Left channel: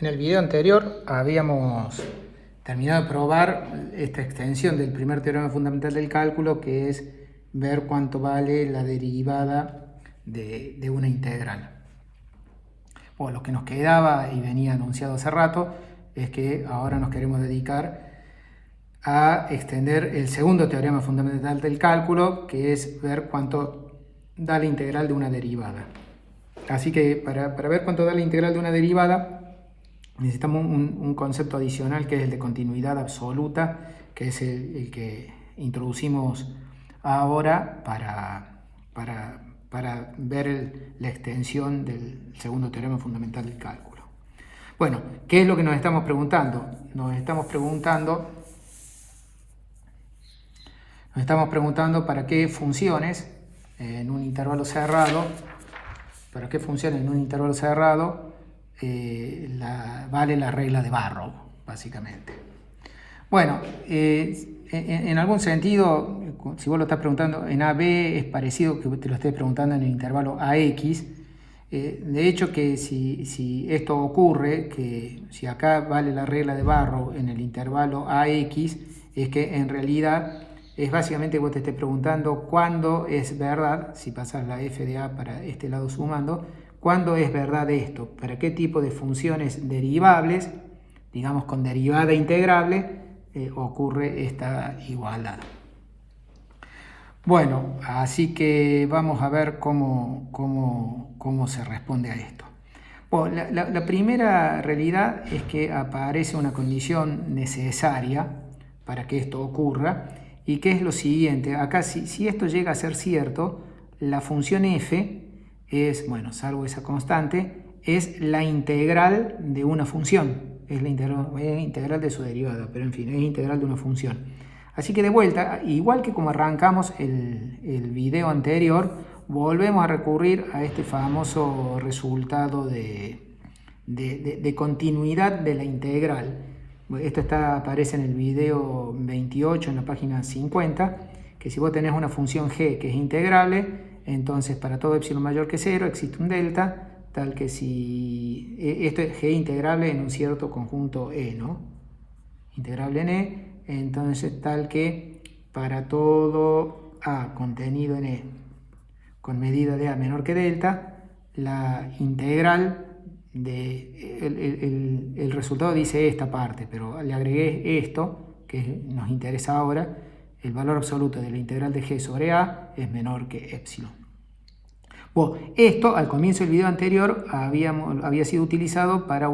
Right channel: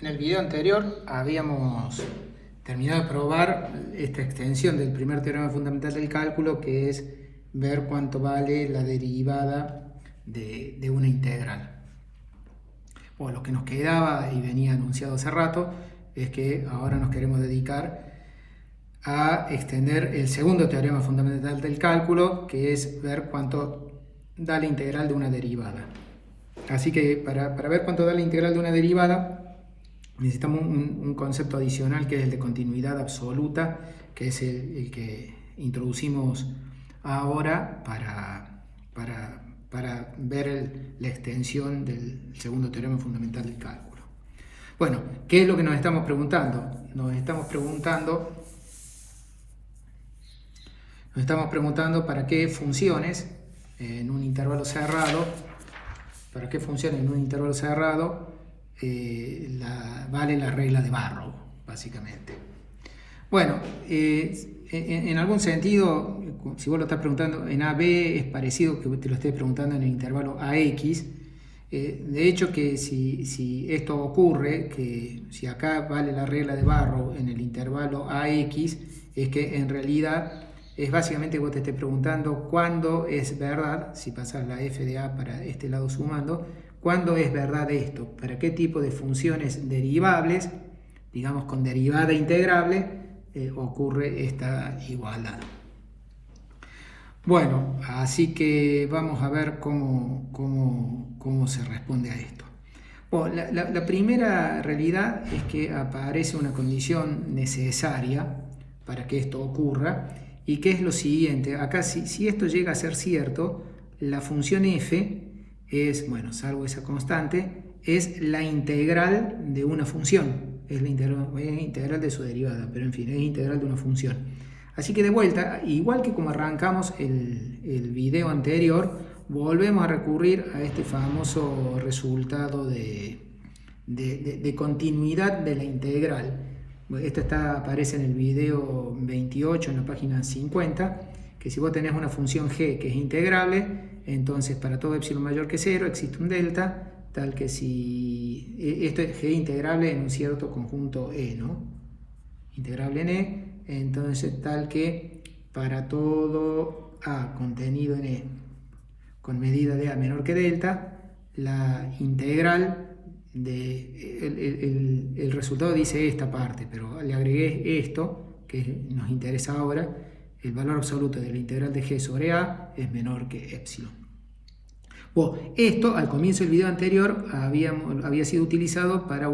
En el video anterior habíamos terminado de probar esta extensión del primer teorema fundamental del cálculo, que es ver cuánto vale la derivada de una integral. Bueno, lo que nos quedaba y venía anunciado hace rato es que ahora nos queremos dedicar a extender el segundo teorema fundamental del cálculo, que es ver cuánto da la integral de una derivada. Así que para ver cuánto da la integral de una derivada, necesitamos un concepto adicional, que es el de continuidad absoluta, que es el que introducimos ahora para ver la extensión del segundo teorema fundamental del cálculo. Bueno, ¿qué es lo que nos estamos preguntando? Nos estamos preguntando para qué funciones en un intervalo cerrado, vale la regla de Barrow, básicamente. Bueno, en algún sentido, si vos lo estás preguntando en AB, es parecido que te lo estés preguntando en el intervalo AX. De hecho, que si esto ocurre, que si acá vale la regla de Barrow en el intervalo AX, es que en realidad es básicamente que vos te estés preguntando cuándo es verdad, si pasas la f de a para este lado sumando, cuándo es verdad esto, para qué tipo de funciones derivables, digamos con derivada integrable, ocurre esta igualdad. Bueno, así que vamos a ver cómo se responde a esto. Bueno, la primera realidad es que aparece una condición necesaria para que esto ocurra, y que es lo siguiente. Acá, si esto llega a ser cierto, la función f es, bueno, salvo esa constante, es la integral de una función. Es la integral de su derivada, pero en fin, es integral de una función. Así que de vuelta, igual que como arrancamos el video anterior, volvemos a recurrir a este famoso resultado de continuidad de la integral. Esto aparece en el video 28, en la página 50, que si vos tenés una función g que es integrable, entonces para todo epsilon mayor que 0 existe un delta, tal que si esto es g integrable en un cierto conjunto E, ¿no? Integrable en E, entonces tal que para todo A contenido en E con medida de A menor que delta, la integral el resultado dice esta parte, pero le agregué esto que nos interesa ahora. El valor absoluto de la integral de g sobre a es menor que epsilon. Bueno, esto al comienzo del video anterior había sido utilizado para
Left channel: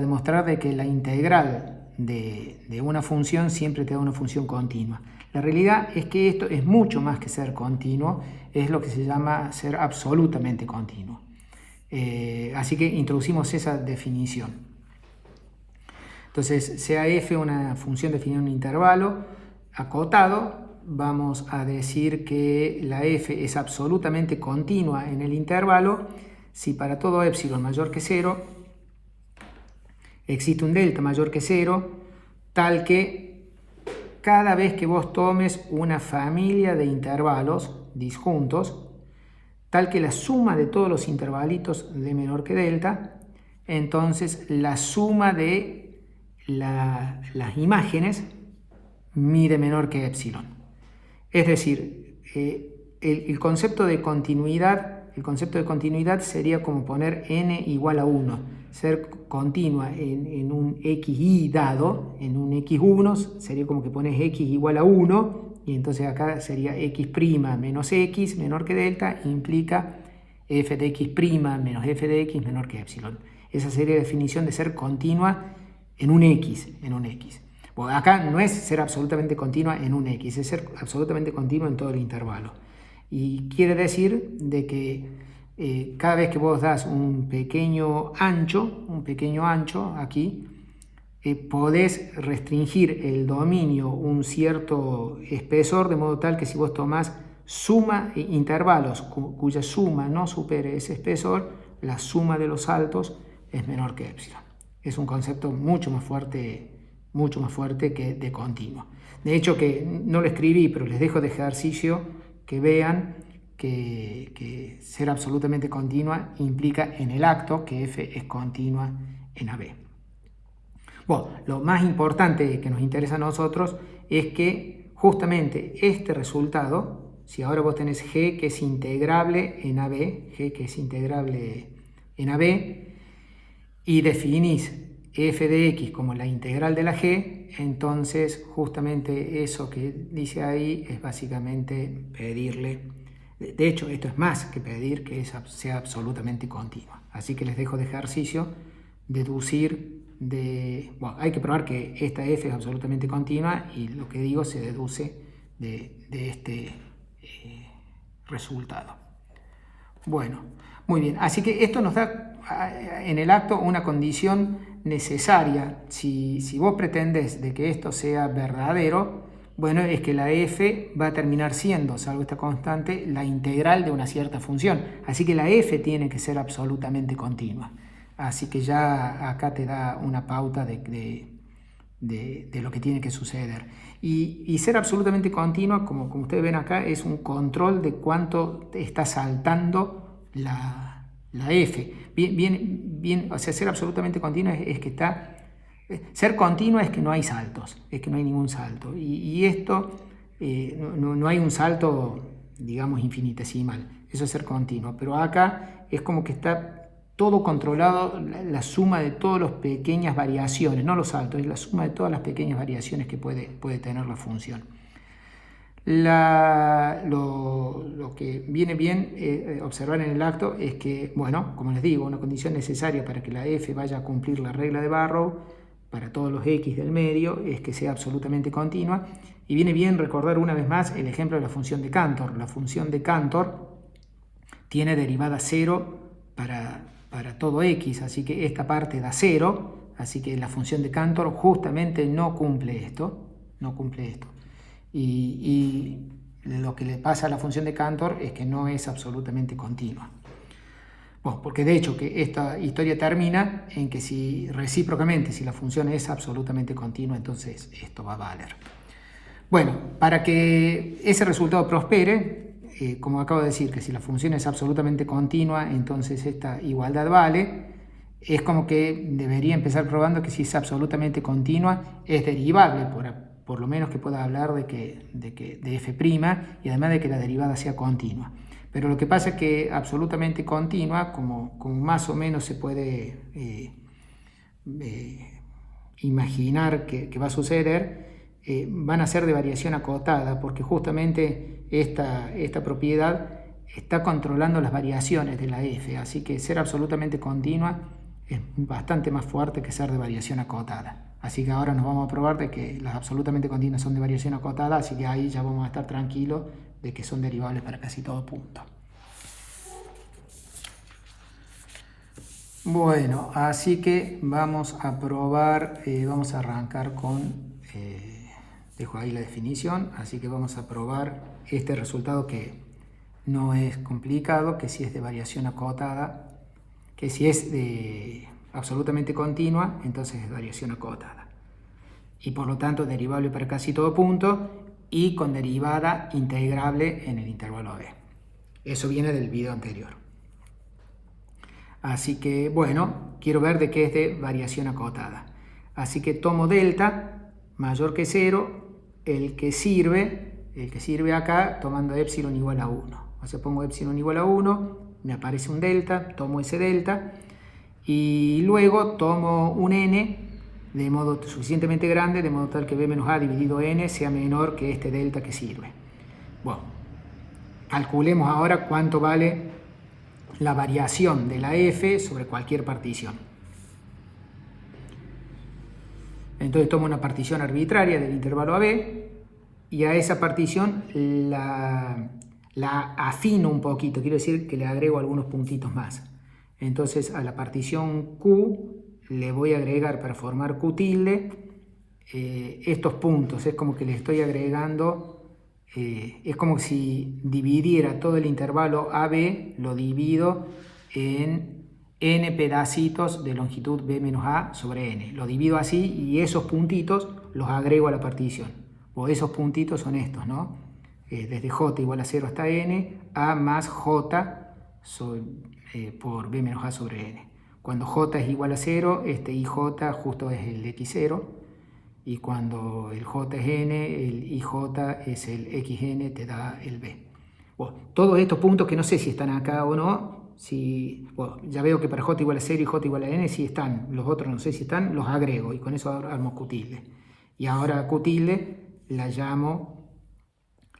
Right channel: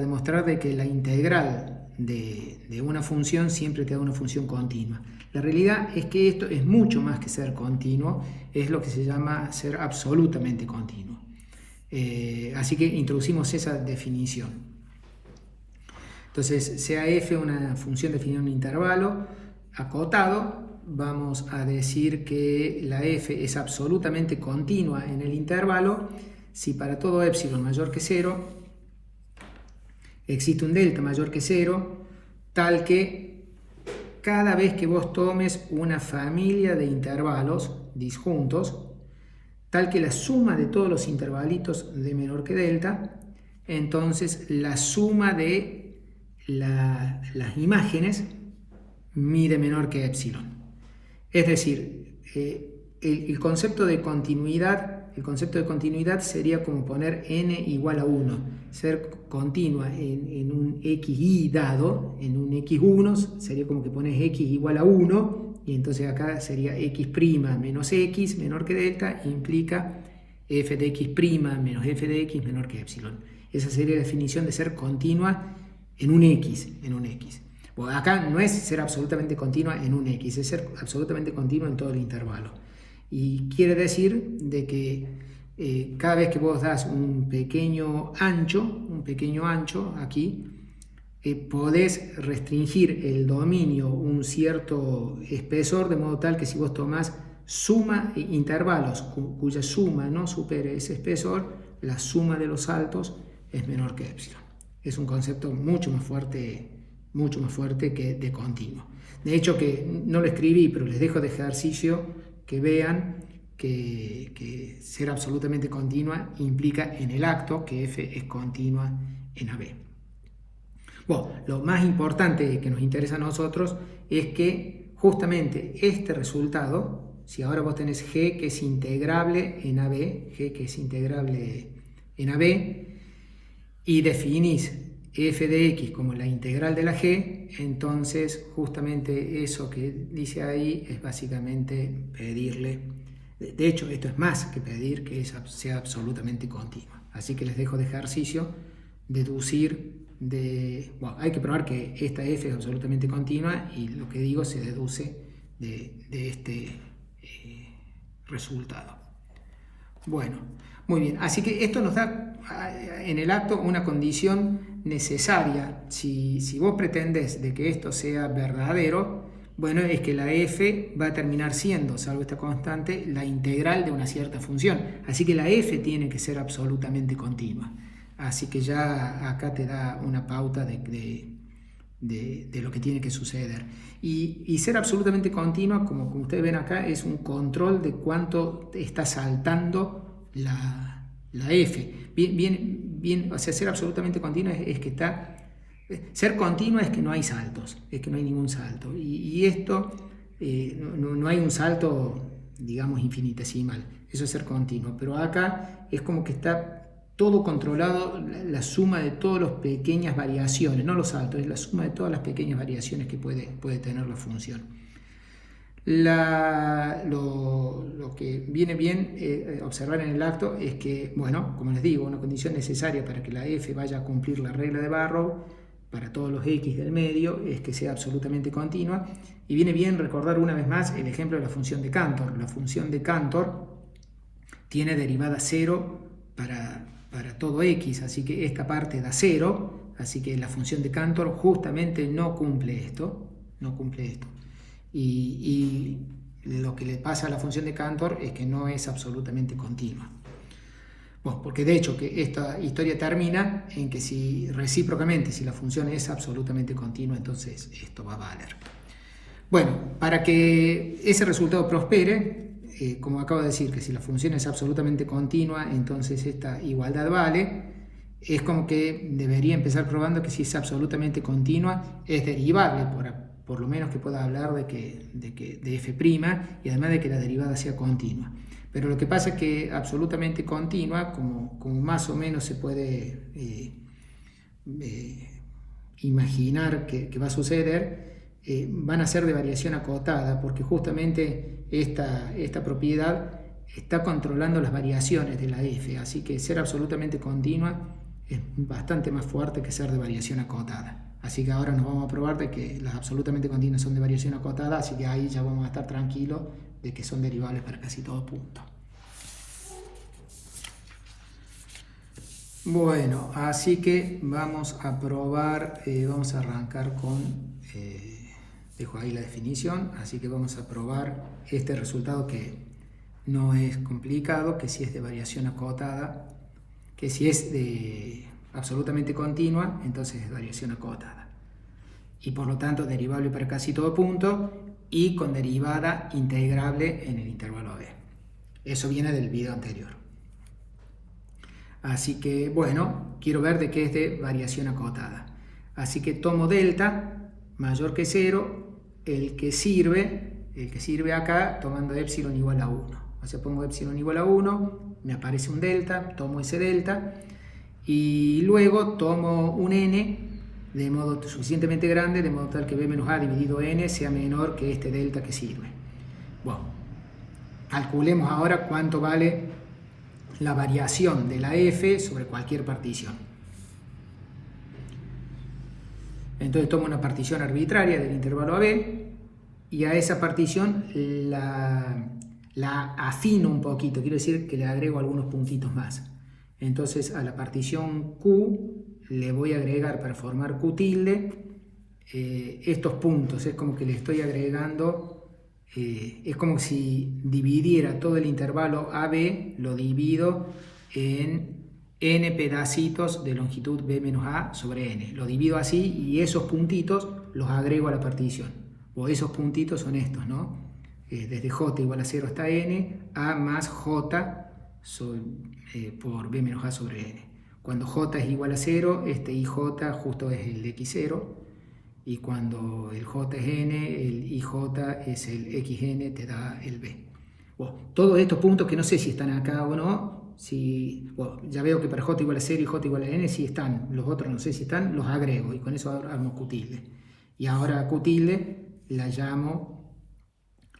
demostrar de que la integral de una función siempre te da una función continua. La realidad es que esto es mucho más que ser continuo, es lo que se llama ser absolutamente continuo. Así que introducimos esa definición. Entonces, sea f una función definida en un intervalo acotado, vamos a decir que la f es absolutamente continua en el intervalo si para todo epsilon mayor que 0 existe un delta mayor que 0, tal que cada vez que vos tomes una familia de intervalos disjuntos, tal que la suma de todos los intervalitos de menor que delta, entonces la suma de las imágenes mide menor que epsilon. Es decir, el concepto de continuidad sería como poner n igual a 1, ser continua en un xy dado, en un x1 sería como que pones x igual a 1, y entonces acá sería x' menos x menor que delta, implica f de x' menos f de x menor que epsilon. Esa sería la definición de ser continua en un x. Bueno, acá no es ser absolutamente continua en un x, es ser absolutamente continua en todo el intervalo. Y quiere decir de que cada vez que vos das un pequeño ancho aquí, podés restringir el dominio un cierto espesor, de modo tal que si vos tomás intervalos cuya suma no supere ese espesor, la suma de los saltos es menor que epsilon. Es un concepto mucho más fuerte que de continuo. De hecho, que no lo escribí, pero les dejo de ejercicio que vean que ser absolutamente continua implica en el acto que f es continua en AB. Bueno, lo más importante que nos interesa a nosotros es que justamente este resultado, si ahora vos tenés G que es integrable en AB, G que es integrable en AB, y definís f de x como la integral de la G, entonces justamente eso que dice ahí es básicamente pedirle, de hecho esto es más que pedir que sea absolutamente continua. Así que les dejo de ejercicio deducir bueno, hay que probar que esta f es absolutamente continua y lo que digo se deduce de este resultado. Bueno, muy bien, así que esto nos da en el acto una condición necesaria. Si vos pretendés de que esto sea verdadero, bueno, es que la f va a terminar siendo, salvo esta constante, la integral de una cierta función. Así que la f tiene que ser absolutamente continua. Así que ya acá te da una pauta de lo que tiene que suceder. Y ser absolutamente continua, como ustedes ven acá, es un control de cuánto está saltando la f. Bien, o sea, ser absolutamente continua es que está... Ser continua es que no hay saltos, es que no hay ningún salto. Y esto, no hay un salto, digamos, infinitesimal. Eso es ser continua. Pero acá es como que está todo controlado, la suma de todas las pequeñas variaciones, no los saltos, es la suma de todas las pequeñas variaciones que puede tener la función. Lo que viene bien observar en el acto es que, bueno, como les digo, una condición necesaria para que la f vaya a cumplir la regla de Barrow para todos los x del medio es que sea absolutamente continua. Y viene bien recordar una vez más el ejemplo de la función de Cantor. La función de Cantor tiene derivada 0 para todo x, así que esta parte da 0, así que la función de Cantor justamente no cumple esto. Y lo que le pasa a la función de Cantor es que no es absolutamente continua. Bueno, porque de hecho que esta historia termina en que recíprocamente, si la función es absolutamente continua, entonces esto va a valer. Bueno, para que ese resultado prospere, como acabo de decir, que si la función es absolutamente continua, entonces esta igualdad vale. Es como que debería empezar probando que si es absolutamente continua, es derivable, por lo menos que pueda hablar de f' y además de que la derivada sea continua. Pero lo que pasa es que absolutamente continua, como más o menos se puede imaginar que va a suceder, van a ser de variación acotada, porque justamente esta propiedad está controlando las variaciones de la f, así que ser absolutamente continua es bastante más fuerte que ser de variación acotada. Así que ahora nos vamos a probar de que las absolutamente continuas son de variación acotada, así que ahí ya vamos a estar tranquilos de que son derivables para casi todo punto. Bueno, así que vamos a probar, vamos a arrancar con, dejo ahí la definición, así que vamos a probar este resultado que no es complicado, que si es de variación acotada, que si es de absolutamente continua, entonces es variación acotada. Y por lo tanto derivable para casi todo punto y con derivada integrable en el intervalo AB. Eso viene del video anterior. Así que, bueno, quiero ver de qué es de variación acotada. Así que tomo delta mayor que 0, el que sirve acá tomando epsilon igual a 1. O sea, pongo epsilon igual a 1, me aparece un delta, tomo ese delta y luego tomo un n de modo suficientemente grande, de modo tal que b menos a dividido n sea menor que este delta que sirve. Bueno, calculemos ahora cuánto vale la variación de la f sobre cualquier partición. Entonces tomo una partición arbitraria del intervalo AB y a esa partición la afino un poquito, quiero decir que le agrego algunos puntitos más. Entonces a la partición Q le voy a agregar para formar Q tilde estos puntos, es como que le estoy agregando, es como si dividiera todo el intervalo AB, lo divido en n pedacitos de longitud b menos a sobre n. Lo divido así y esos puntitos los agrego a la partición. O esos puntitos son estos, ¿no? desde j igual a 0 hasta n, a más j por b menos a sobre n. Cuando j es igual a 0, este ij justo es el x0, y cuando el j es n, el ij es el xn, te da el b. Bueno, todos estos puntos que no sé si están acá o no, bueno, ya veo que para j igual a 0 y j igual a n sí están, los otros no sé si están, los agrego y con eso armo q tilde. Y ahora a q tilde le llamo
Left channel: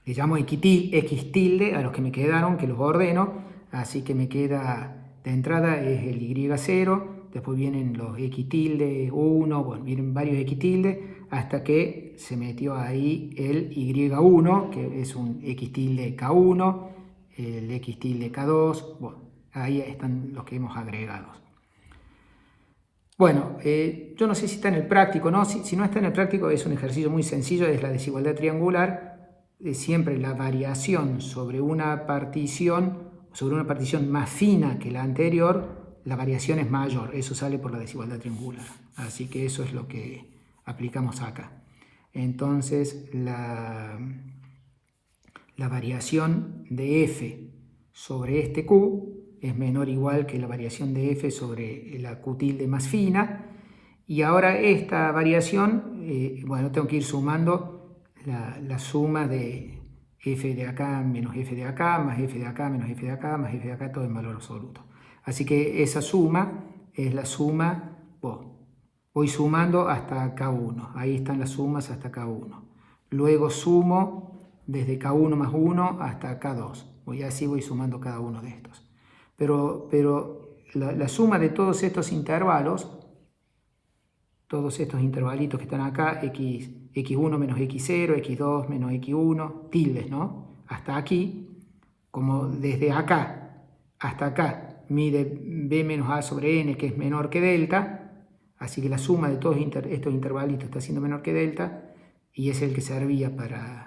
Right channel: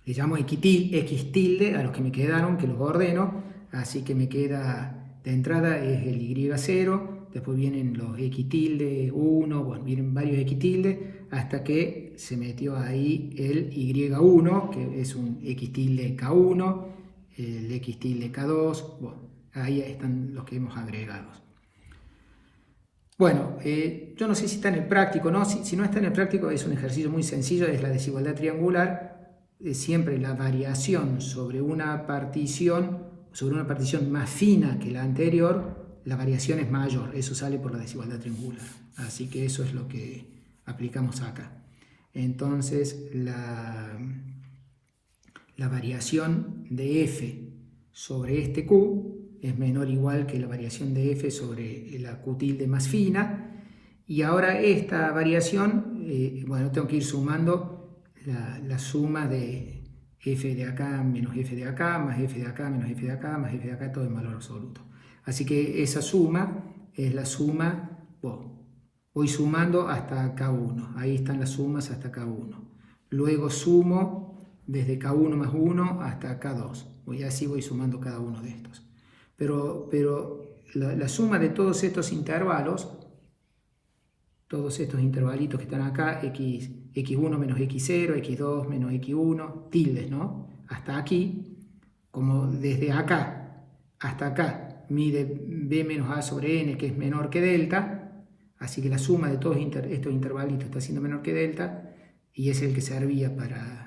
x tilde a los que me quedaron, que los ordeno, así que me queda de entrada es el y0, después vienen los x tilde 1, bueno, vienen varios x tilde, hasta que se metió ahí el y1, que es un x tilde k1, el x tilde k2, bueno, ahí están los que hemos agregado. Bueno, yo no sé si está en el práctico, ¿no? Si no está en el práctico es un ejercicio muy sencillo, es la desigualdad triangular. Siempre la variación sobre una partición más fina que la anterior, la variación es mayor. Eso sale por la desigualdad triangular. Así que eso es lo que aplicamos acá. Entonces, la variación de f sobre este q es menor o igual que la variación de f sobre la q tilde más fina. Y ahora esta variación, bueno, tengo que ir sumando la suma de f de acá menos f de acá, más f de acá menos f de acá, más f de acá, todo en valor absoluto. Así que esa suma es la suma, voy sumando hasta k1, ahí están las sumas hasta k1. Luego sumo desde k1 más 1 hasta k2, y así voy sumando cada uno de estos. Pero la suma de todos estos intervalos, todos estos intervalitos que están acá, x1 menos x0, x2 menos x1, tildes, ¿no? Hasta aquí, como desde acá hasta acá mide b menos a sobre n, que es menor que delta, así que la suma de todos estos intervalitos está siendo menor que delta, y es el que servía para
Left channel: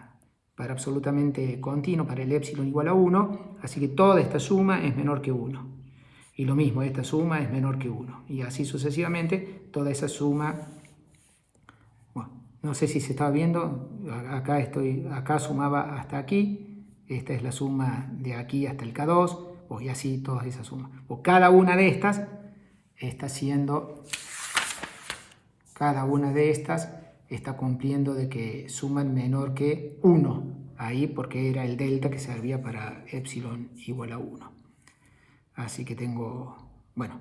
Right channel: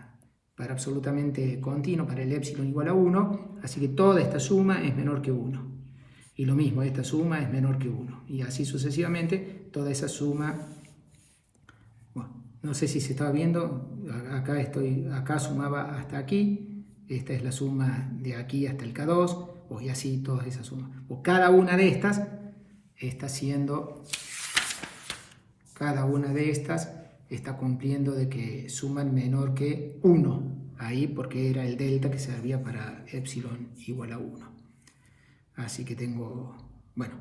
absolutamente continuo, para el epsilon igual a 1, así que toda esta suma es menor que 1. Y lo mismo, esta suma es menor que 1. Y así sucesivamente, toda esa suma, bueno, no sé si se está viendo, acá sumaba hasta aquí, esta es la suma de aquí hasta el K2, y así todas esas sumas. Cada una de estas está cumpliendo de que suman menor que 1, ahí porque era el delta que servía para epsilon igual a 1. Así que tengo, bueno,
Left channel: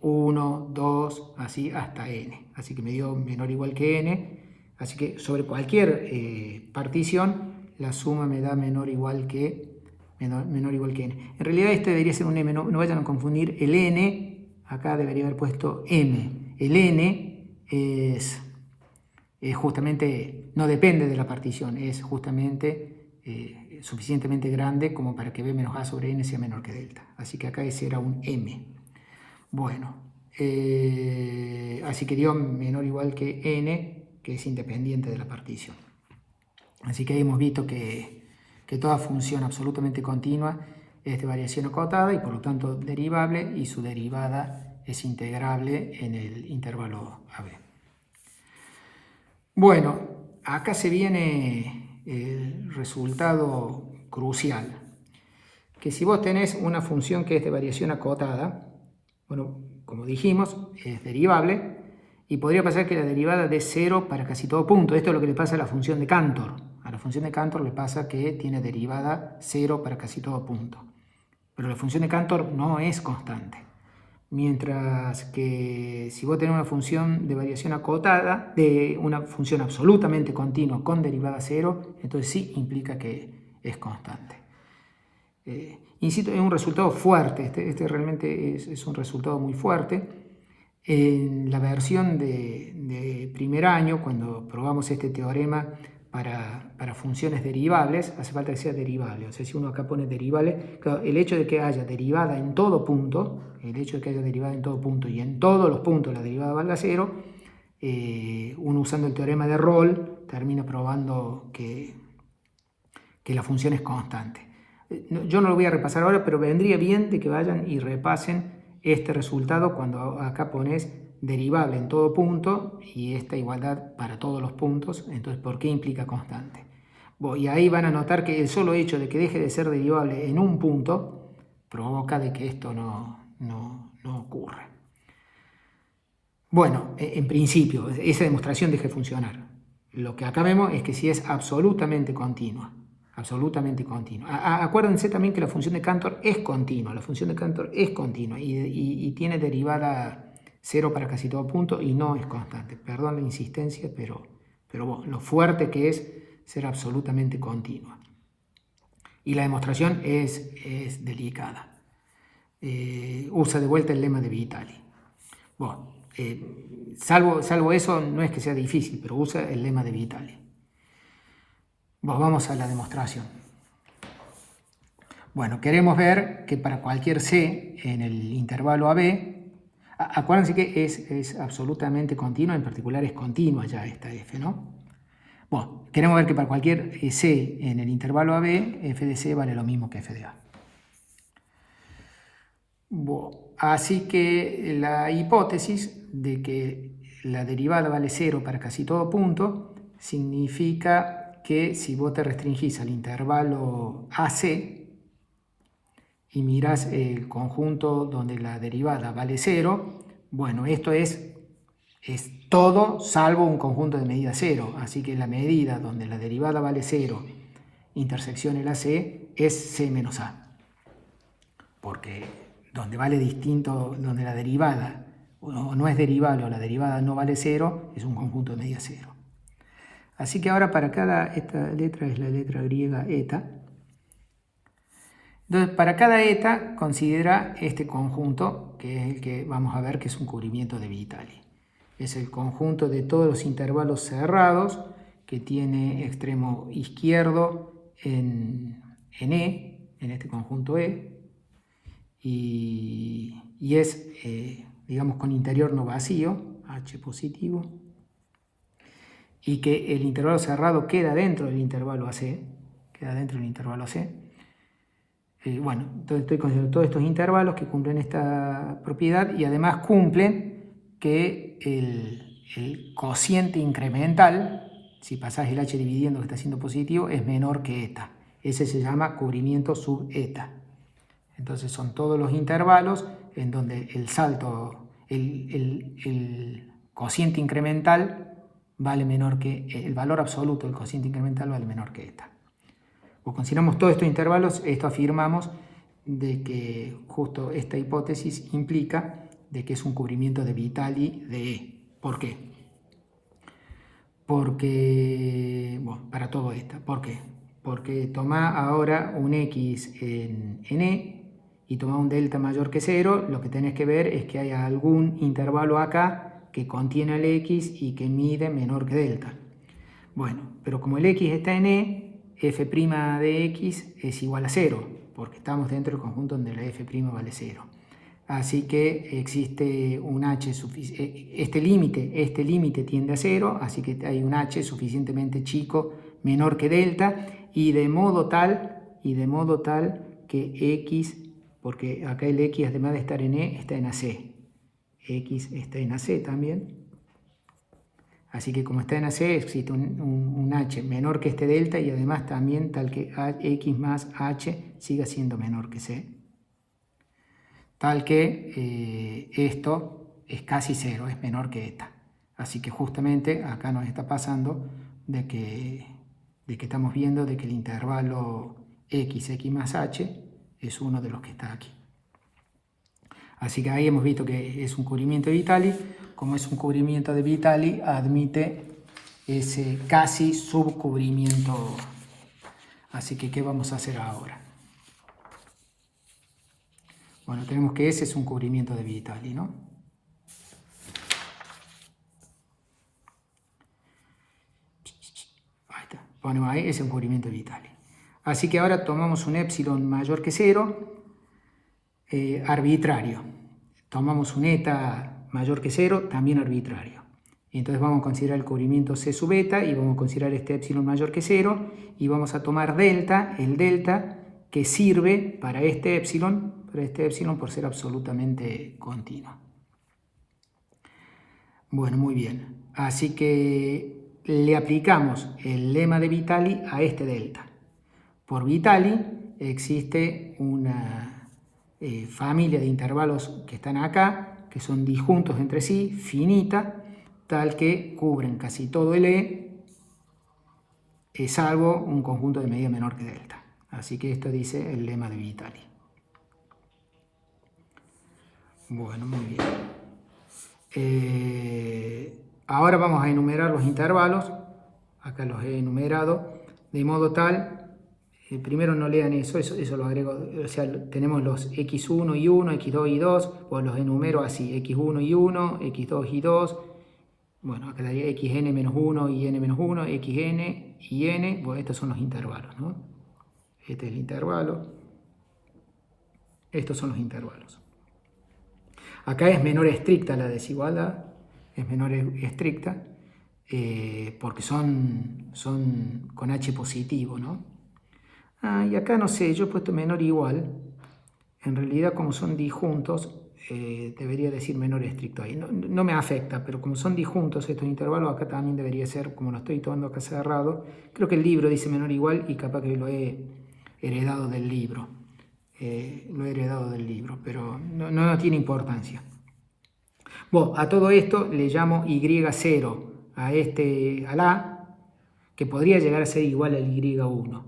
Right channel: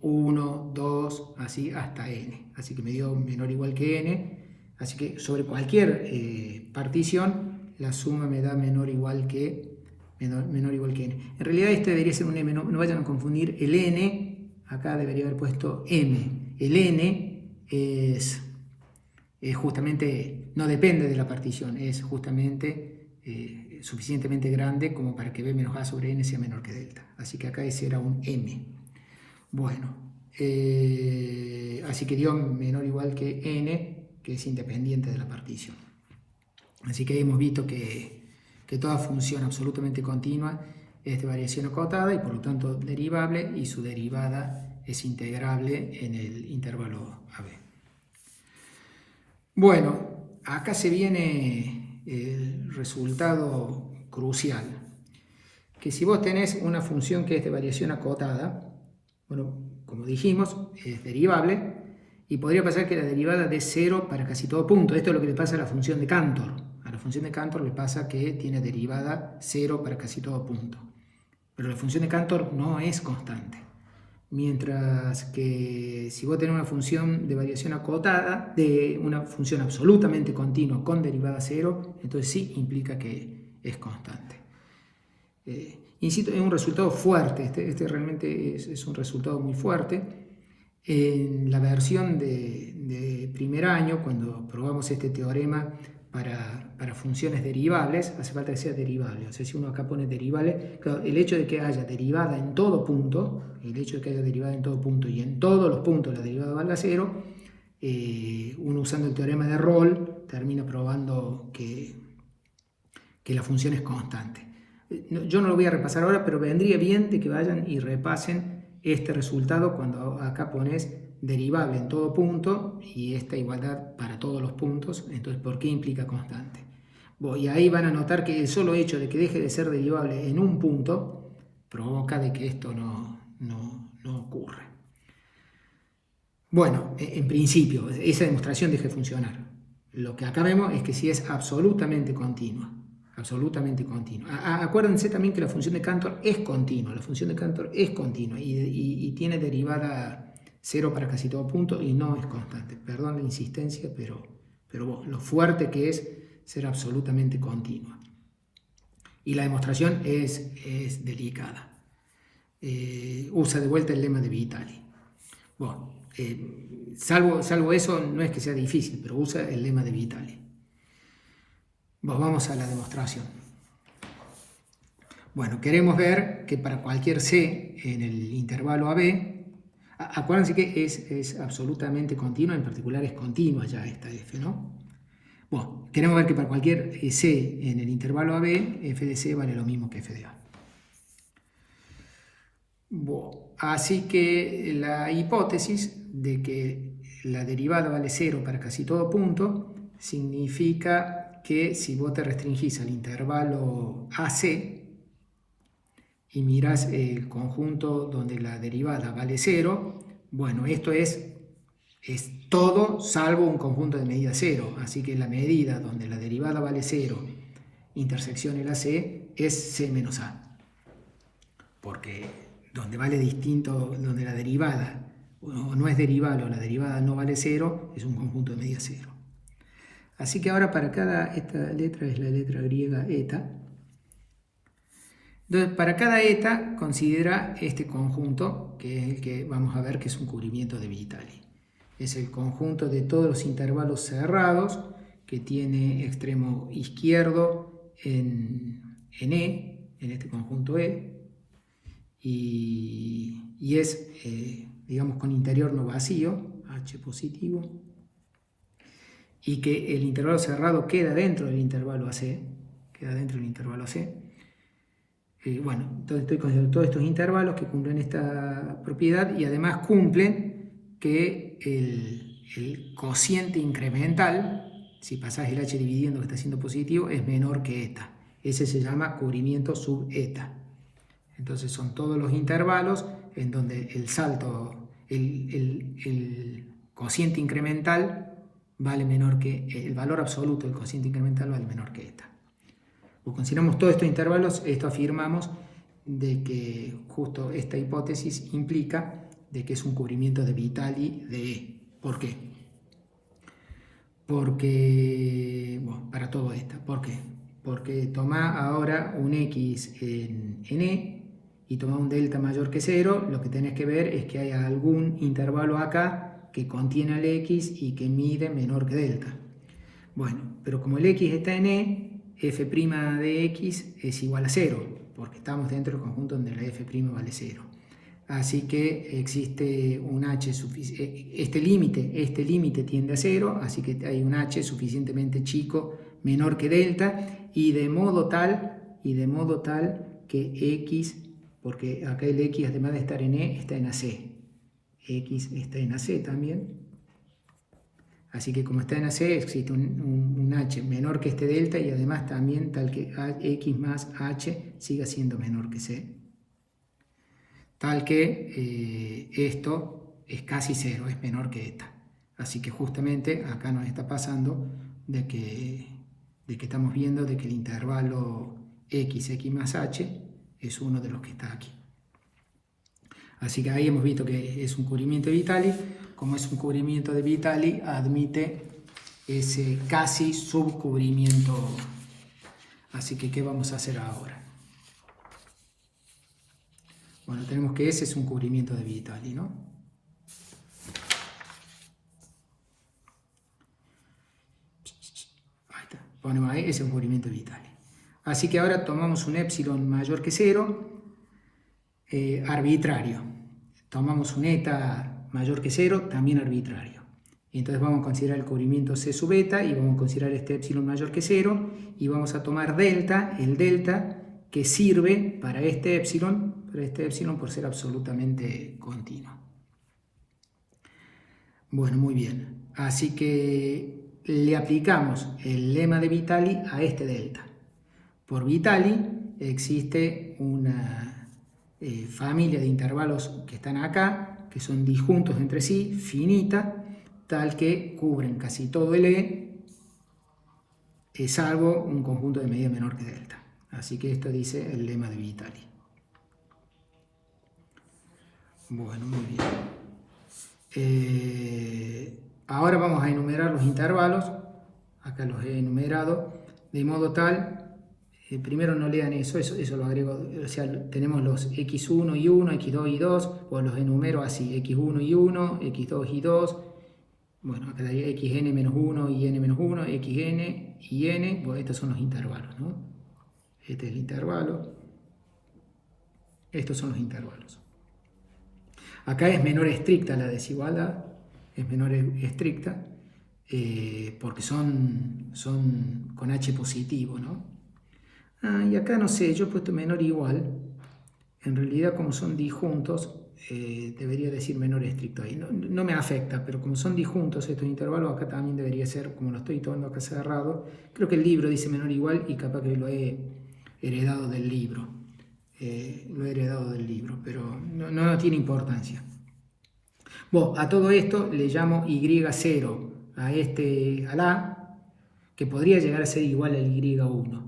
1, 2, así hasta n. Así que me dio menor o igual que n. Así que sobre cualquier partición, la suma me da menor o igual que n. En realidad este debería ser un m, no vayan a confundir el n, acá debería haber puesto m. El n es justamente, no depende de la partición, es justamente suficientemente grande como para que b menos a sobre n sea menor que delta. Así que acá ese era un m. Bueno, así que dio menor o igual que n, que es independiente de la partición. Así que hemos visto que toda función absolutamente continua es de variación acotada y por lo tanto derivable, y su derivada es integrable en el intervalo AB. Bueno, acá se viene el resultado crucial, que si vos tenés una función que es de variación acotada, bueno, como dijimos, es derivable, y podría pasar que la derivada dé 0 para casi todo punto. Esto es lo que le pasa a la función de Cantor. A la función de Cantor le pasa que tiene derivada 0 para casi todo punto. Pero la función de Cantor no es constante. Mientras que si vos tenés una función de variación acotada, de una función absolutamente continua con derivada 0, entonces sí implica que es constante. Insisto, es un resultado fuerte, este realmente es un resultado muy fuerte. En la versión de primer año, cuando probamos este teorema para funciones derivables, hace falta que sea derivable. O sea, si uno acá pone derivable, claro, el hecho de que haya derivada en todo punto, y en todos los puntos la derivada valga 0, uno usando el teorema de Rolle termina probando que la función es constante. Yo no lo voy a repasar ahora, pero vendría bien de que vayan y repasen este resultado cuando acá pones derivable en todo punto y esta igualdad para todos los puntos. Entonces, ¿por qué implica constante? Y ahí van a notar que el solo hecho de que deje de ser derivable en un punto provoca de que esto no ocurra. Bueno, en principio, esa demostración deja de funcionar. Lo que acá vemos es que si es absolutamente continua. Acuérdense también que la función de Cantor es continua. La función de Cantor es continua y tiene derivada 0 para casi todo punto y no es constante. Perdón la insistencia, pero bueno, lo fuerte que es ser absolutamente continua. Y la demostración es delicada. Usa de vuelta el lema de Vitali. Bueno, salvo eso, no es que sea difícil, pero usa el lema de Vitali. Vamos a la demostración. Bueno, queremos ver que para cualquier C en el intervalo AB, acuérdense que es absolutamente continua, en particular es continua ya esta F, ¿no? Bueno, queremos ver que para cualquier C en el intervalo AB, f de C vale lo mismo que f de A. Bueno, así que la hipótesis de que la derivada vale 0 para casi todo punto significa que si vos te restringís al intervalo AC y mirás el conjunto donde la derivada vale 0, bueno, esto es todo salvo un conjunto de medida 0, así que la medida donde la derivada vale 0 intersección el AC es C menos A, porque donde vale distinto, donde la derivada no es derivable o la derivada no vale 0, es un conjunto de medida 0. Así que ahora para esta letra es la letra griega eta. Entonces, para cada eta considera este conjunto, que es el que vamos a ver que es un cubrimiento de Vitali. Es el conjunto de todos los intervalos cerrados que tiene extremo izquierdo en E, en este conjunto E, y es, digamos, con interior no vacío, H positivo, y que el intervalo cerrado queda dentro del intervalo AC, bueno, entonces estoy considerando todos estos intervalos que cumplen esta propiedad y además cumplen que el cociente incremental, si pasás el H dividiendo que está siendo positivo, es menor que eta. Ese se llama cubrimiento sub eta. Entonces son todos los intervalos en donde el salto, el cociente incremental vale menor que, el valor absoluto del cociente incremental vale menor que eta. O consideramos todos estos intervalos, esto afirmamos de que justo esta hipótesis implica de que es un cubrimiento de Vitali de E. ¿Por qué? Porque, bueno, para todo esto, ¿por qué? Porque toma ahora un X en E y toma un delta mayor que 0, lo que tenés que ver es que hay algún intervalo acá que contiene el X y que mide menor que delta. Bueno, pero como el X está en E, f' de X es igual a 0, porque estamos dentro del conjunto donde la f' vale 0. Así que existe un H suficiente, este límite tiende a 0, así que hay un H suficientemente chico, menor que delta, y de modo tal que X, porque acá el X además de estar en E, está en AC. X está en AC también. Así que como está en AC existe un H menor que este delta y además también tal que X más H siga siendo menor que C. Tal que esto es casi 0, es menor que eta. Así que justamente acá nos está pasando de que estamos viendo de que el intervalo X más H es uno de los que está aquí. Así que ahí hemos visto que es un cubrimiento de Vitali. Como es un cubrimiento de Vitali, admite ese casi subcubrimiento. Así que, ¿qué vamos a hacer ahora? Bueno, tenemos que ese es un cubrimiento de Vitali, ¿no? Ahí está. Ponemos ahí, ese es un cubrimiento de Vitali. Así que ahora tomamos un epsilon mayor que 0, arbitrario. Tomamos un eta mayor que 0, también arbitrario. Entonces vamos a considerar el cubrimiento C sub eta y vamos a considerar este epsilon mayor que 0 y vamos a tomar delta, el delta que sirve para este epsilon por ser absolutamente continuo. Bueno, muy bien. Así que le aplicamos el lema de Vitali a este delta. Por Vitali existe una familia de intervalos que están acá, que son disjuntos entre sí, finita, tal que cubren casi todo el salvo un conjunto de medida menor que delta. Así que esto dice el lema de Vitali. Bueno, muy bien. Ahora vamos a enumerar los intervalos. Acá los he enumerado de modo tal, primero no lean eso lo agrego, o sea, tenemos los x1 y 1, x2 y 2, o los enumero así, x1 y 1, x2 y 2, bueno, acá daría xn menos 1 y n menos 1, xn y n, bueno, estos son los intervalos, ¿no? Este es el intervalo, estos son los intervalos. Acá es menor estricta la desigualdad, es menor estricta, porque son con h positivo, ¿no? Y acá no sé, yo he puesto menor igual, en realidad como son disjuntos, debería decir menor estricto ahí, no me afecta, pero como son disjuntos estos intervalos, acá también debería ser, como lo estoy tomando acá cerrado, creo que el libro dice menor igual y capaz que lo he heredado del libro, pero no tiene importancia. Bueno, a todo esto le llamo y0 al a, que podría llegar a ser igual al y1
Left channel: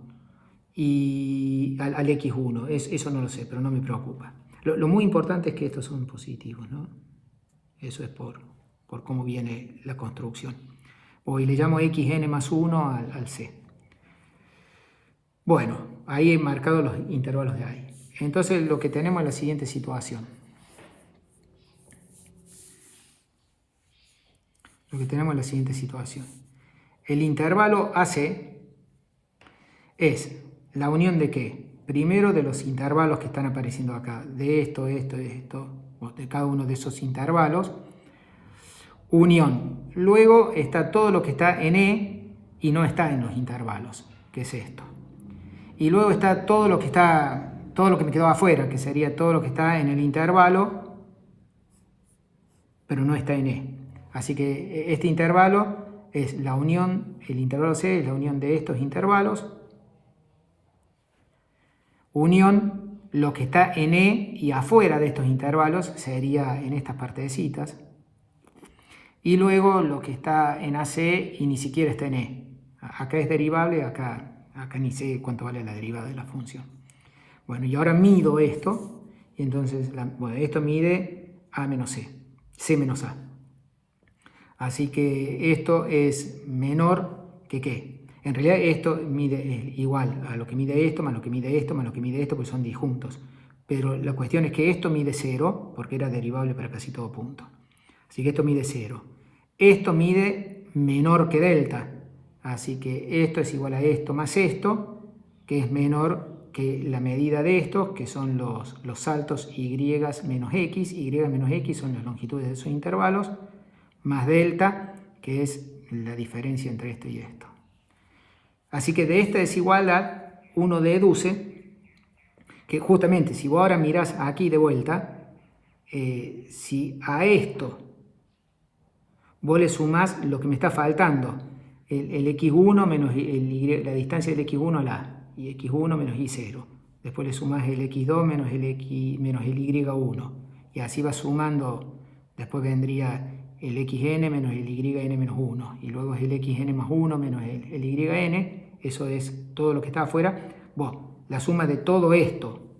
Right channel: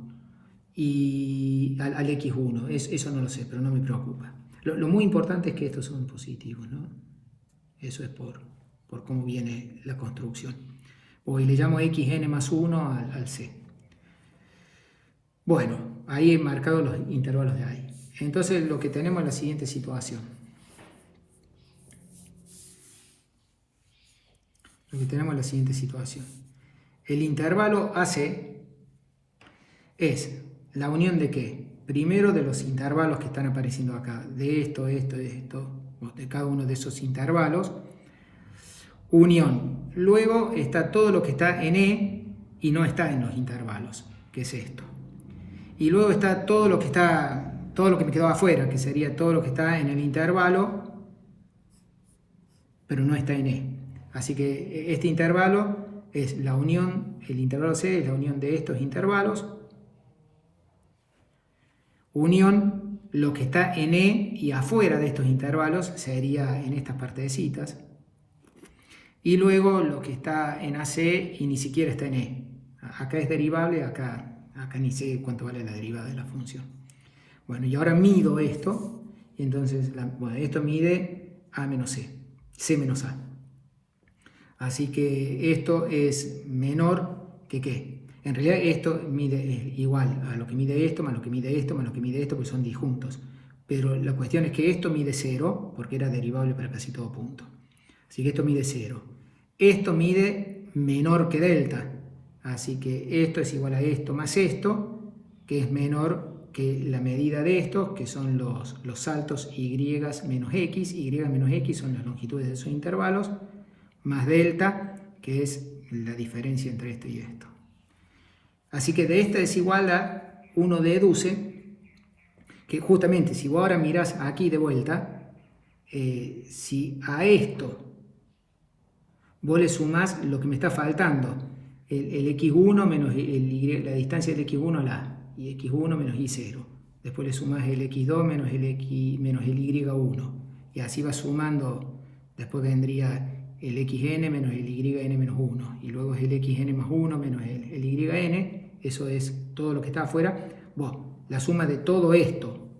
y al x1, eso no lo sé, pero no me preocupa. Lo muy importante es que estos son positivos, ¿no? Eso es por cómo viene la construcción. Y le llamo xn más 1 al c. Bueno, ahí he marcado los intervalos de ahí. Entonces lo que tenemos es la siguiente situación. El intervalo AC es la unión de ¿qué? Primero de los intervalos que están apareciendo acá, de esto, de cada uno de esos intervalos, unión. Luego está todo lo que está en E y no está en los intervalos, que es esto. Y luego está todo lo que me quedó afuera, que sería todo lo que está en el intervalo, pero no está en E. Así que este intervalo es la unión, el intervalo C es la unión de estos intervalos, unión, lo que está en E y afuera de estos intervalos sería en estas partecitas, y luego lo que está en AC y ni siquiera está en E. Acá es derivable, acá ni sé cuánto vale la derivada de la función. Bueno, y ahora mido esto, y entonces, esto mide A menos C, C menos A. Así que esto es menor que ¿qué? En realidad esto mide igual a lo que mide esto, más lo que mide esto, más lo que mide esto, pues son disjuntos. Pero la cuestión es que esto mide 0, porque era derivable para casi todo punto. Así que esto mide 0. Esto mide menor que delta. Así que esto es igual a esto más esto, que es menor que la medida de estos, que son los saltos y menos x. Y menos x son las longitudes de esos intervalos, más delta, que es la diferencia entre esto y esto. Así que de esta desigualdad uno deduce que justamente si vos ahora mirás aquí de vuelta, si a esto vos le sumás lo que me está faltando, el x1 menos la distancia del x1 al a, y x1 menos y0. Después le sumás el x2 menos el y1, y así va sumando. Después vendría el xn menos el yn menos 1, y luego es el xn más 1 menos el yn, eso es todo lo que está afuera. La suma de todo esto,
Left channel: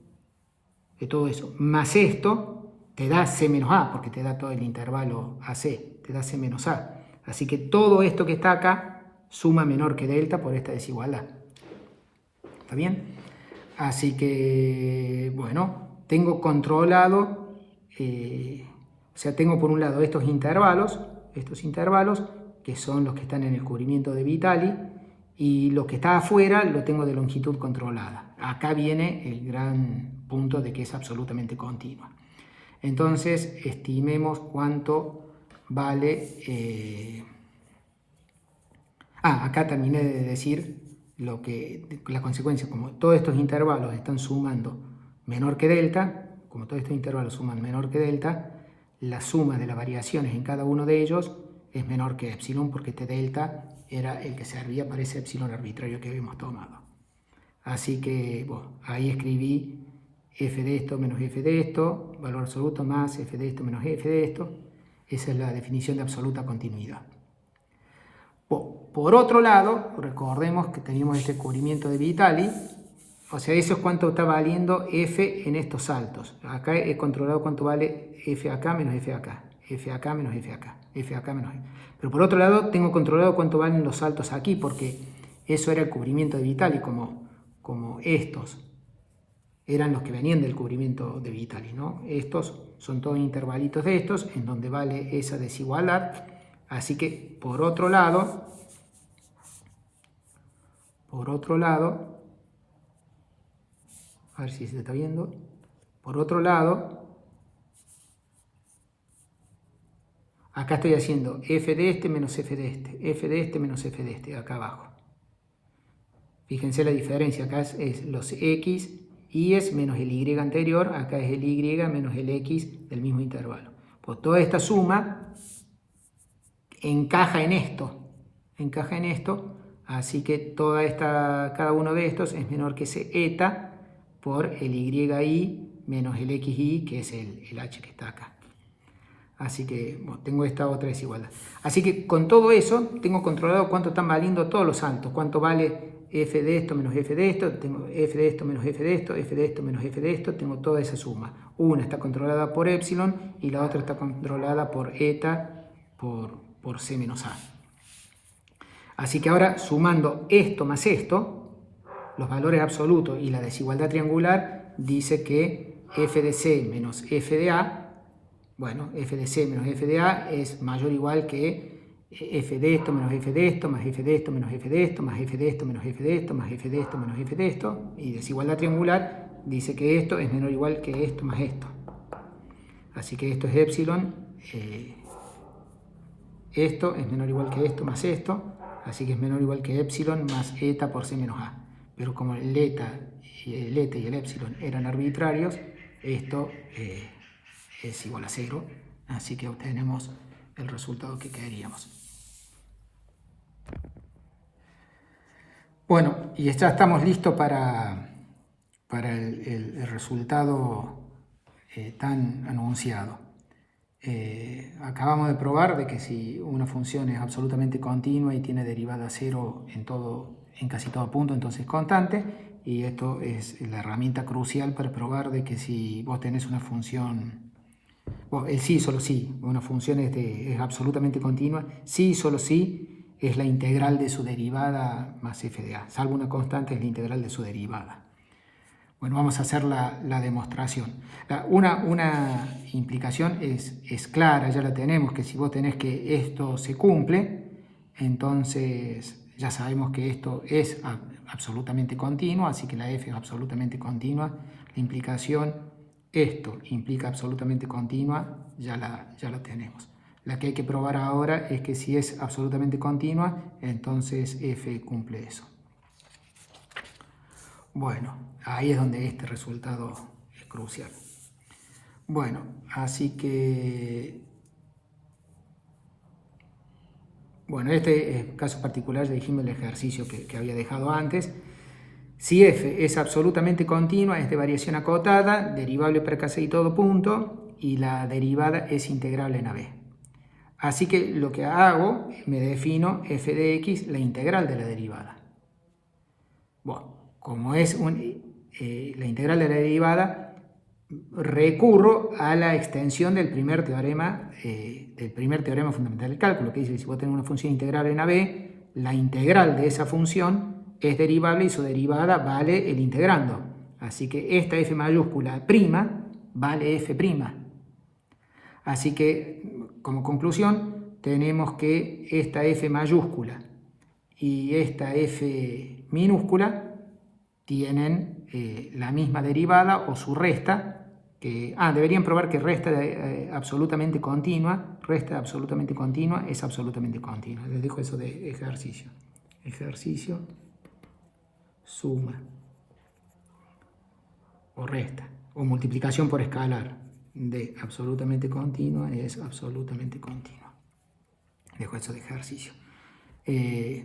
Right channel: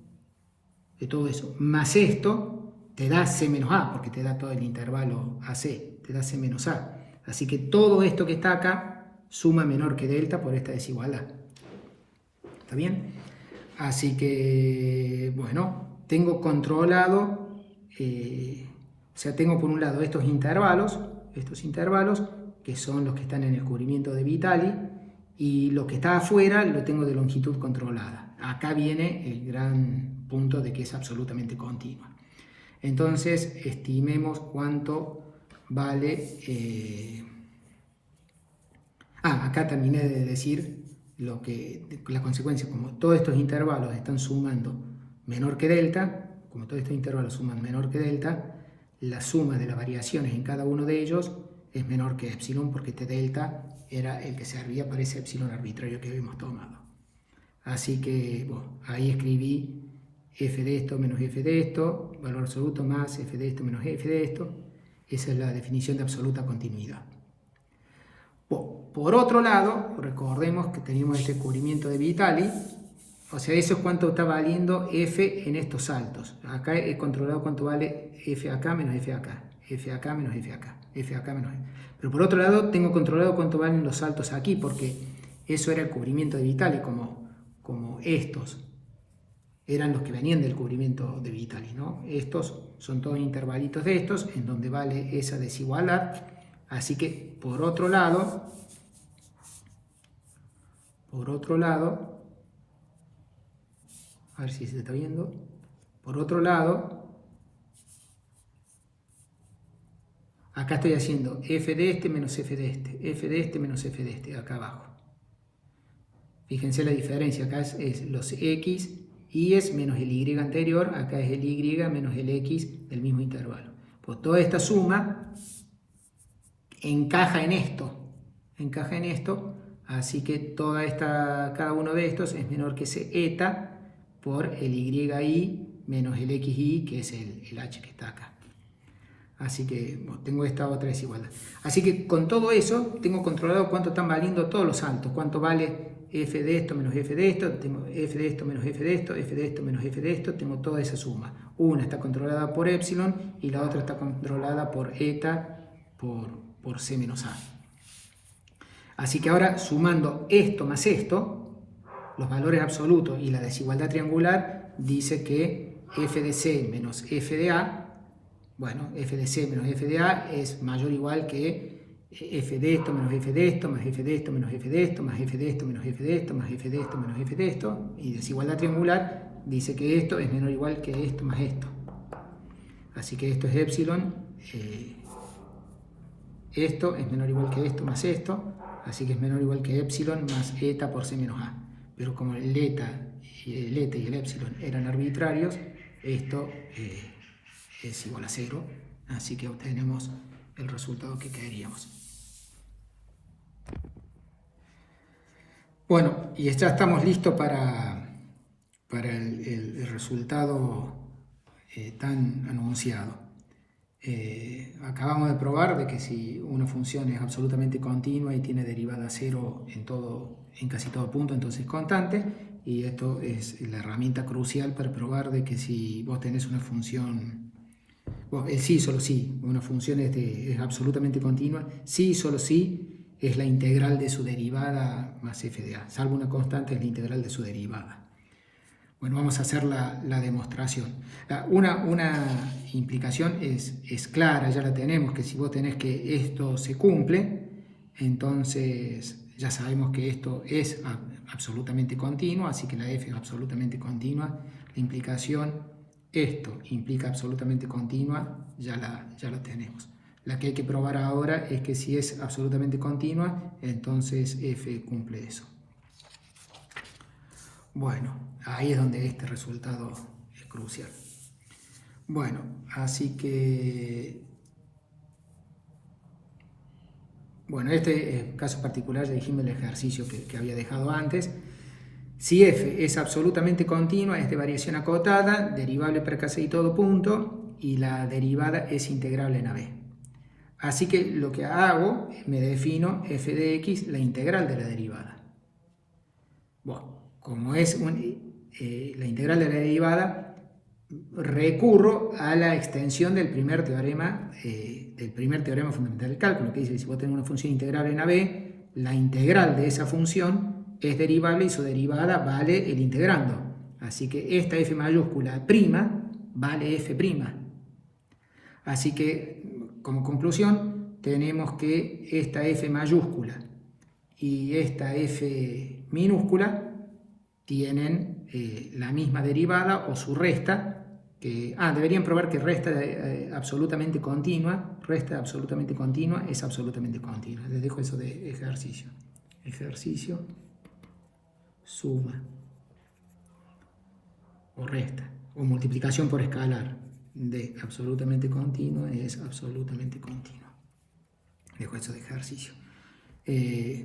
de todo eso, más esto, te da c menos a, porque te da todo el intervalo AC, te da c menos a. Así que todo esto que está acá suma menor que delta por esta desigualdad. ¿Está bien? Así que, bueno, tengo controlado, o sea, tengo por un lado estos intervalos, que son los que están en el cubrimiento de Vitali, y lo que está afuera lo tengo de longitud controlada. Acá viene el gran punto de que es absolutamente continua. Entonces, estimemos cuánto vale... acá terminé de decir la consecuencia, como todos estos intervalos están sumando menor que delta, como todos estos intervalos suman menor que delta, la suma de las variaciones en cada uno de ellos es menor que epsilon, porque este delta era el que servía para ese epsilon arbitrario que habíamos tomado. Así que bueno, ahí escribí f de esto menos f de esto, valor absoluto más f de esto menos f de esto. Esa es la definición de absoluta continuidad. Por otro lado, recordemos que teníamos este cubrimiento de Vitali, o sea, eso es cuánto está valiendo f en estos saltos. Acá he controlado cuánto vale f acá menos f acá, f acá menos f acá, f acá menos f. Pero por otro lado, tengo controlado cuánto valen los saltos aquí, porque eso era el cubrimiento de Vitali, como estos eran los que venían del cubrimiento de Vitali, ¿no? Estos son todos intervalitos de estos, en donde vale esa desigualdad. Así que, por otro lado, a ver si se está viendo, por otro lado, acá estoy haciendo f de este menos f de este, f de este menos f de este, acá abajo. Fíjense la diferencia, acá es los x, y es menos el y anterior, acá es el y menos el x del mismo intervalo. Pues toda esta suma encaja en esto, así que cada uno de estos es menor que ese eta por el y menos el xy, que es el h que está acá. Así que bueno, tengo esta otra desigualdad. Así que con todo eso tengo controlado cuánto están valiendo todos los saltos, cuánto vale f de esto menos f de esto, tengo f de esto menos f de esto, f de esto menos f de esto, tengo toda esa suma. Una está controlada por epsilon y la otra está controlada por eta por c menos a. Así que ahora, sumando esto más esto, los valores absolutos y la desigualdad triangular, dice que f de c menos f de a, bueno, f de c menos f de a es mayor o igual que f de esto menos f de esto, más f de esto menos f de esto, más f de esto menos f de esto, más f de esto menos f de esto, y desigualdad triangular dice que esto es menor o igual que esto más esto. Así que esto es epsilon, esto es menor o igual que esto más esto, así que es menor o igual que epsilon más eta por c menos a. Pero como el eta y el epsilon eran arbitrarios, esto es igual a 0, así que obtenemos el resultado que queríamos. Bueno, y ya estamos listos para el resultado tan anunciado. Acabamos de probar de que si una función es absolutamente continua y tiene derivada 0 en casi todo punto, entonces es constante, y esto es la herramienta crucial para probar de que si vos tenés una función, bueno, el sí, solo sí, una función es absolutamente continua, sí, solo sí, es la integral de su derivada más f de a, salvo una constante es la integral de su derivada. Bueno, vamos a hacer la demostración. Una implicación es clara, ya la tenemos, que si vos tenés que esto se cumple, entonces ya sabemos que esto es absolutamente continuo, así que la f es absolutamente continua. La implicación, esto implica absolutamente continua, ya la tenemos. La que hay que probar ahora es que si es absolutamente continua, entonces f cumple eso. Bueno, ahí es donde este resultado es crucial. Bueno, así que... Bueno, este caso particular ya dijimos el ejercicio que había dejado antes. Si f es absolutamente continua, es de variación acotada, derivable per casi todo punto, y la derivada es integrable en AB. Así que lo que hago, me defino f de x, la integral de la derivada. Bueno, como es la integral de la derivada, recurro a la extensión del primer teorema fundamental del cálculo, que dice que si vos tenés una función integrable en AB, la integral de esa función es derivable y su derivada vale el integrando. Así que esta f mayúscula prima vale f prima. Así que, como conclusión, tenemos que esta f mayúscula y esta f minúscula tienen la misma derivada o su resta, deberían probar que resta absolutamente continua es absolutamente continua. Les dejo eso de ejercicio, suma o resta o multiplicación por escalar de absolutamente continua es absolutamente continua. dejo eso de ejercicio.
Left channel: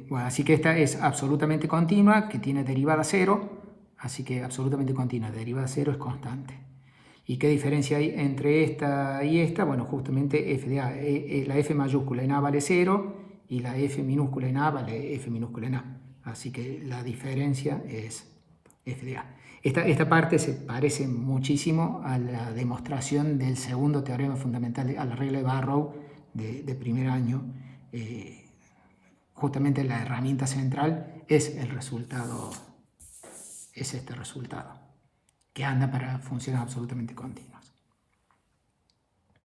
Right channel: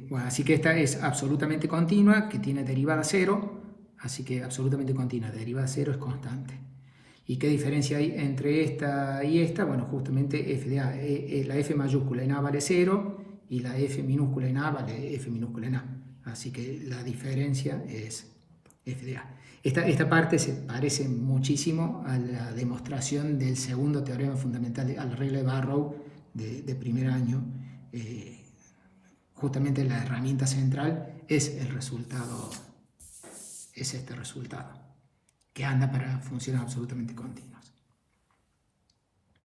Bueno, así que esta es absolutamente continua, que tiene derivada cero, así que absolutamente continua, derivada cero es constante. ¿Y qué diferencia hay entre esta y esta? Bueno, justamente f de a, la f mayúscula en a vale 0 y la f minúscula en a vale f minúscula en a. Así que la diferencia es f de a. Esta parte se parece muchísimo a la demostración del segundo teorema fundamental, a la regla de Barrow de primer año. Justamente la herramienta central es el resultado, es este resultado, que anda para funcionar absolutamente continuo.